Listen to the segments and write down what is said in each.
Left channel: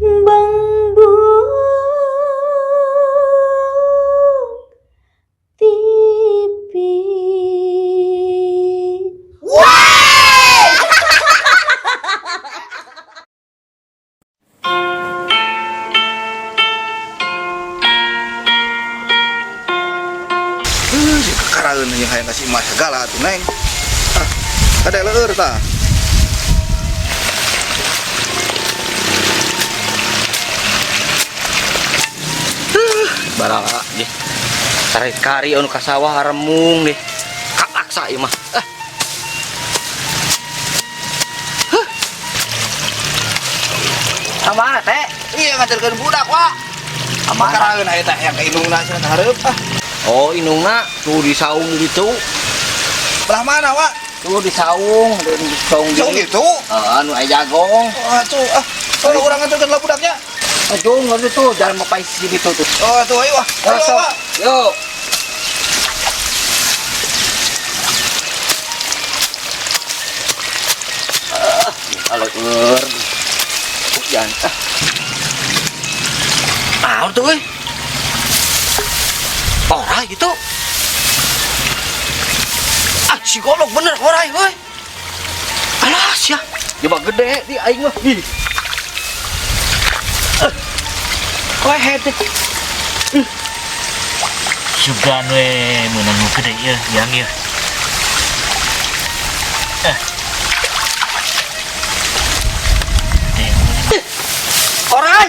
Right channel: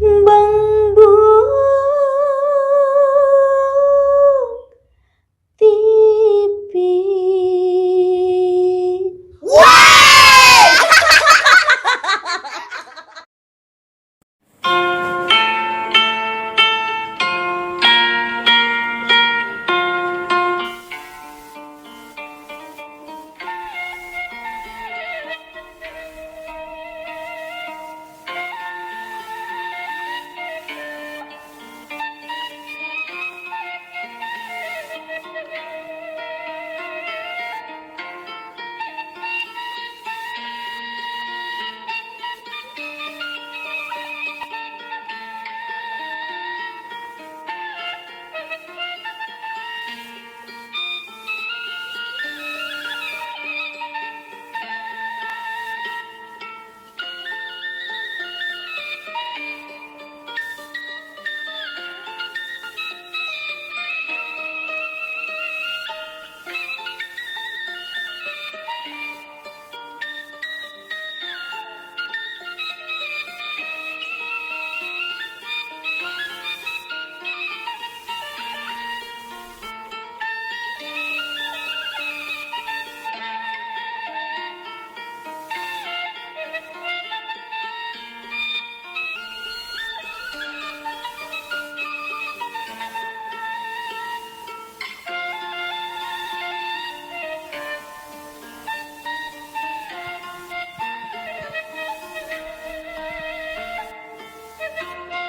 băng buông tivi. Karaeun yang hayang kasih mah segala tuh neng. Ada leur tah. Barang deh. Tarik kari anu ka sawah remung deh. Kakaksa ieu mah. Kamana teh? Iya ngajarkeun budak wa. Apa karaeun aya teh yang inungna cenah hareup ah. Oh, inungna tuh di saung gitu. Belah mana wa? Tuh di saung, di saung Jauh gitu. gitu. Anu aya jagong. Oh tuh ah. Kalau urang ngajarkeun lah budaknya. Aduh, ngadu tuh jalan mau pais gitu tuh. Oh tuh ayo wah. Ayo wa. Yuk. Kalau hujan. Ah, tuh euy. Orai gitu. Ah, si goblok bener orai euy. Alah, sia. Coba gede di aing mah. Ih. Wah, hebat. Sugan we meunang nu gede ieu yang ieu. Orai.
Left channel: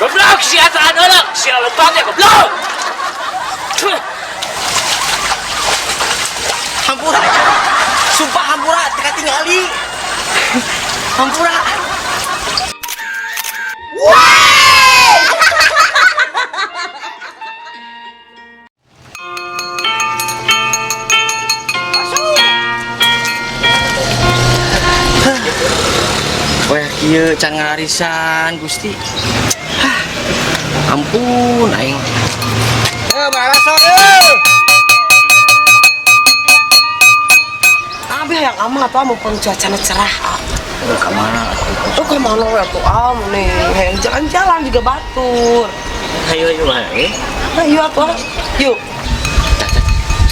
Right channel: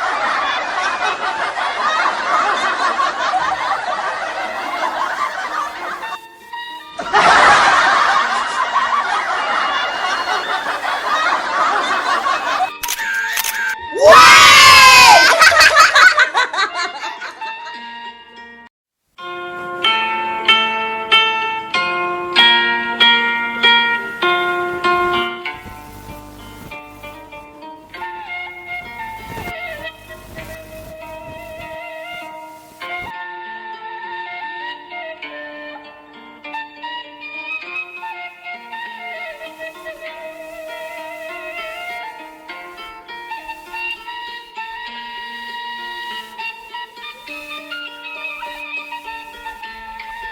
Goblok si ata anak, si lompatnya goblok. Hampura. Sumpah hampura, teka tingali. Hampura. Wah, kieu can ngarisan Gusti. Ampun aing. Baraso yeuh. Abi yang aman apa mau cuacanya cerah. Ke mana? Tuh kemana ya tuh nih jalan-jalan juga batur. Ayo ayo ayo. Ayo apa? Yuk.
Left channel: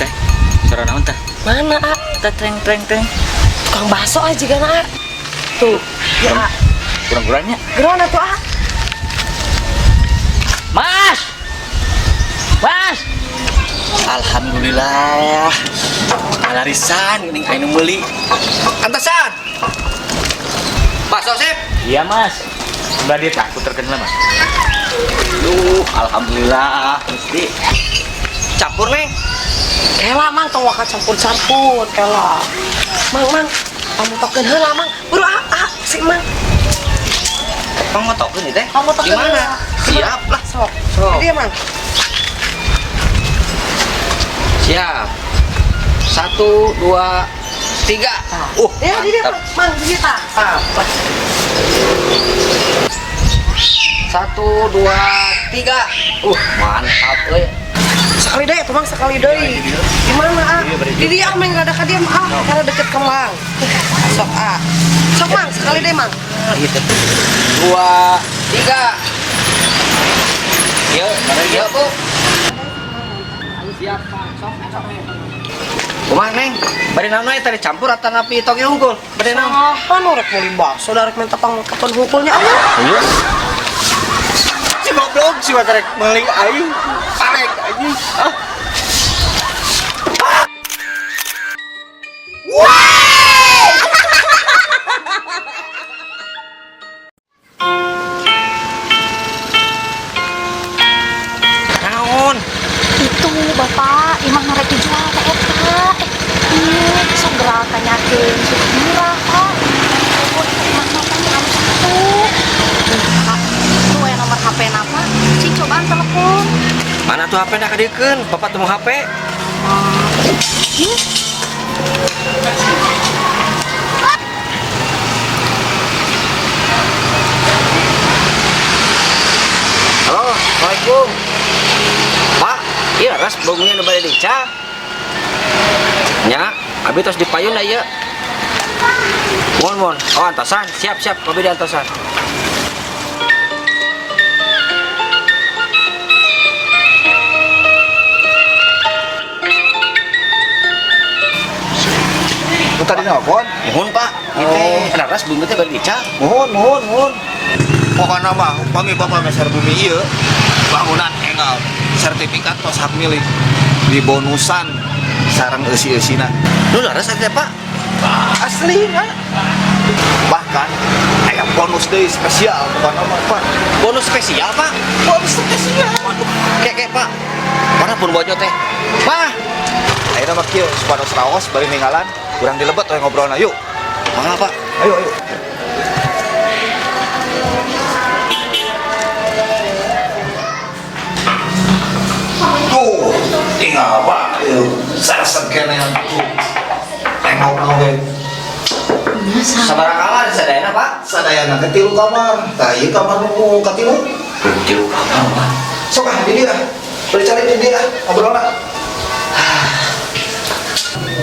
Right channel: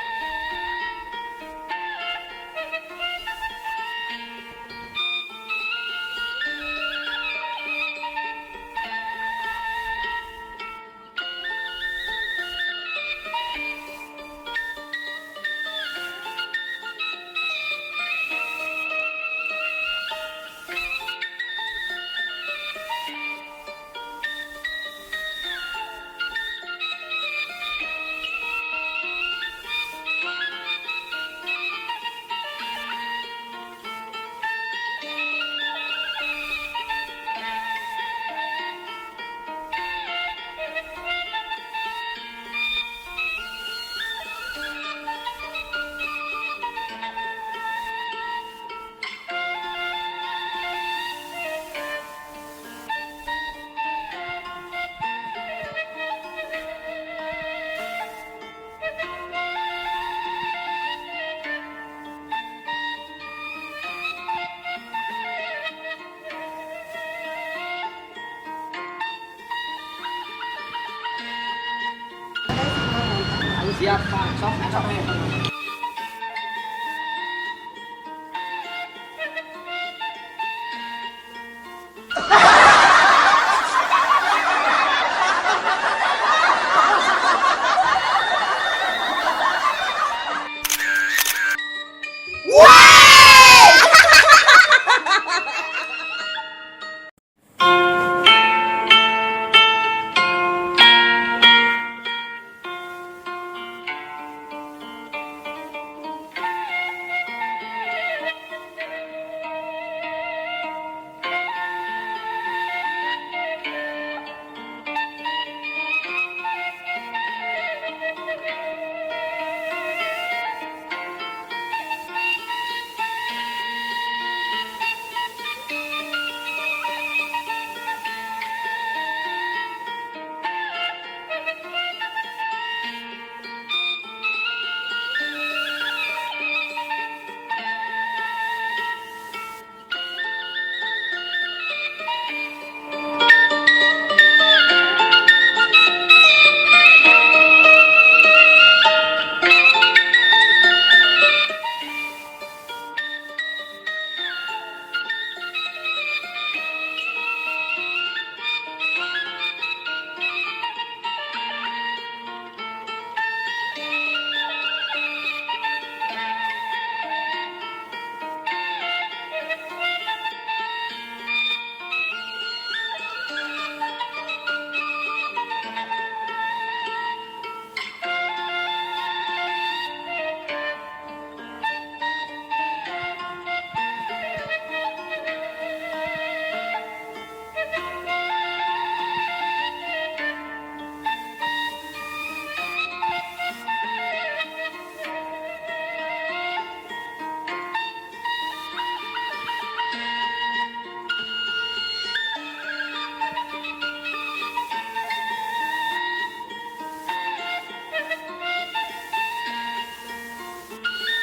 Cek. Cara naon tah? Mana? Treng treng treng. Tukang bakso aja kan ah. Tuh. Ya. Kurang-kurangnya. Gimana tuh ah? Mas! Mas! Alhamdulillah. Alarisan ini aing meuli. Antasan. Bakso sip. Iya mas, udah dia takut terkenal mas. Alhamdulillah Gusti. Campur neng. Kela mang tong waka campur-campur kela. Mang kamu tokeun heula mang. Buru si mang. Kamu mau tokeun teh? Kamu tokeun Gimana? heula. Siap lah. Sok. Sok. Dia mang. Siap. 1 2 3. Ya di dia mang di dia tah. 1 2 3. Mantap euy. Sekali deh tuh mang sekali deh. Gimana ah? Di dia mang ada ka dia ah karena deket ke mang. Sok ah. Sok mang sekali deh mang. Gitu. 2 3. Yuk, yuk Bu. Siap Pak. Sok. Kumaha Neng? Bari naon we tadi campur atau napi toge unggul? Bari naon? Apa nu rek meuli bakso da rek minta pangkaton hukulnya. Iya. Si goblok si wakarek meuli aing. Arek anjing. Naon? Itu bapak imah mereka jual ke eta iya bisa gerakan yakin sudah murah pak imah matanya harus satu itu yang nomor HP nama si cobaan telepon Mana tuh HP nak kadikeun? Bapak temu HP. Halo, Assalamualaikum. Pak, iya ras baunya nu bade dica. Nya, abi tos dipayun da ieu. Mohon mohon. Oh, antosan. Siap, kopi di antosan. Tadi nelfon. Mohon, Pak. Kita laras belum teh berbicara. Mohon. Pokoknya mah, kami bapak meser bumi iya. Bangunan engal, sertifikat tos hak milik. Di bonusan, sarang esi-esina. Lu laras ada, Pak? Asli, kan? Bahkan, ada bonus deh spesial. Bukan apa, Pak. Bonus spesial, Pak. Bonus spesial. Kek, Pak. Mana pun bojo teh. Pak. Ayo nama kieu, supados raos, bari ninggalan. Kurang dilebet, we ngobrolna, yuk. Mana, Pak? Ayo. Tuh, tinggal apa? Sarasem kene tuh. Tengok we. Sabar kamar sadayana, Pak. Sadayana ke tilu kamar. Tah ieu kamar nu katilu. Tilu kamar, Pak. Sok ah di dia. Bari cari di dia ngobrolna.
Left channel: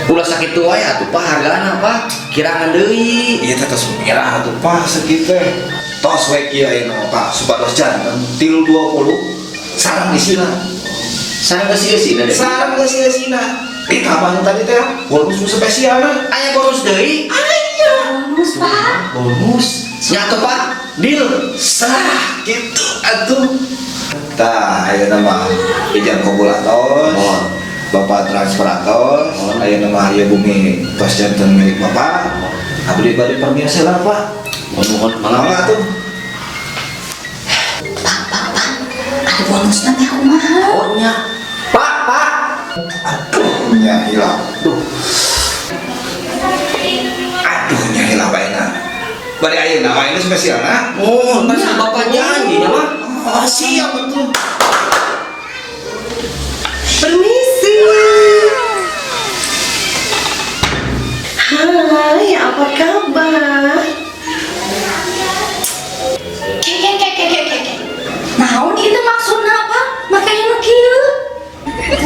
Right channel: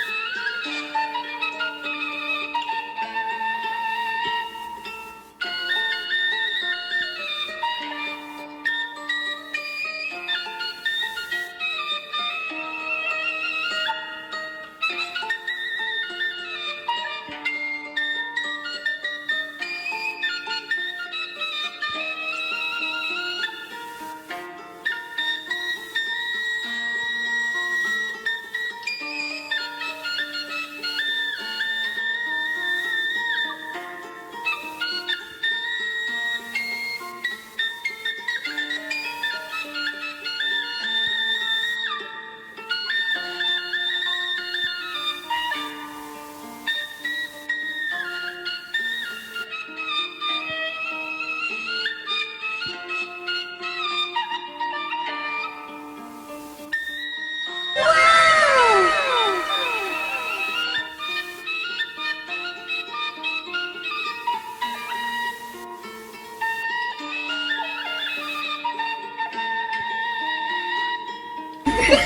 Ulah sakit tua ya atuh, Pak. Hargana, Pak. Kirangan deui. Iya teh tos kira atuh Pak sakit teh. Tos we kieu ayeuna Pak supados janten 320 sareng isina. Sareng geus-geusina deh. Sareng geus-geusina. Kapan tadi teh bonus spesialna. Aya bonus deui? Bonus, Pak. Bonus. Nyatu, Pak. Deal. Sah gitu atuh. Tah ayeuna mah ijan kabulatos. Bapak transparator, ayeuna mah ieu bumi tos janten milik Bapak. Abdi bade permiasa lah Pak. Mohon Mangga tuh. Ada bonus nanti aku mau. Oh, nya. Pak. Aduh, nya hilang. Aduhnya hilang baina. Bade ayeuna mah ini spesialna. Oh, kan Bapak janji nya mah. Oh, siap betul. Permisi. Hai, apa kabar? Naon itu maksudnya apa? Makanya nu kieu.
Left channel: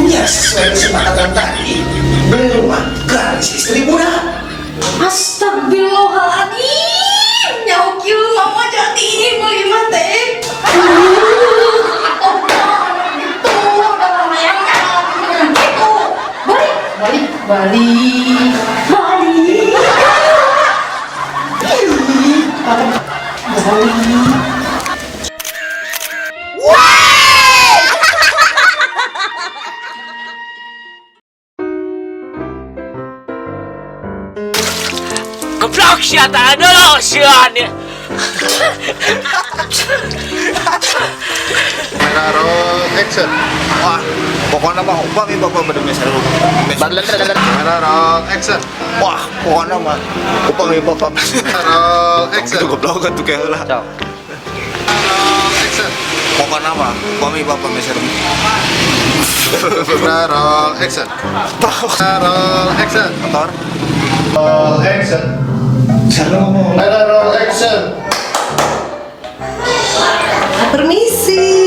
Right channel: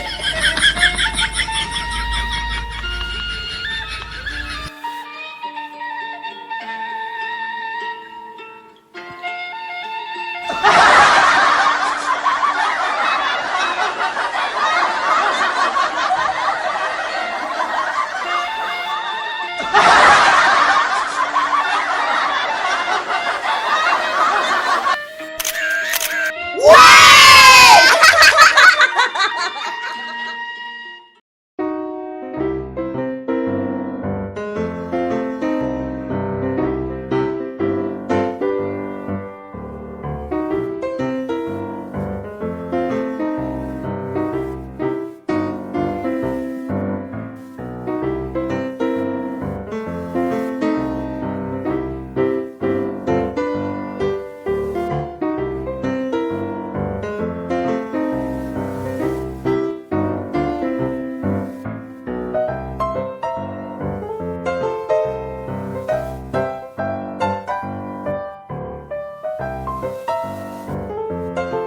Ya sesuai kesepakatan tadi. Belum gratis istri muda. Astagfirullahaladzim. Nyawa kieu mama jadi ini mau gimana teh? Goblok sih tak ada sih ane. Action. Wah, pokoknya mah upami bapak bener-bener seru. Action. Wah, pokoknya mah upami bapak. Action. Itu goblok kan tuh kayak lah. Action. Pokoknya mah upami bapak seru. Action. Action. Motor. Action. Seru ngomong. Permisi.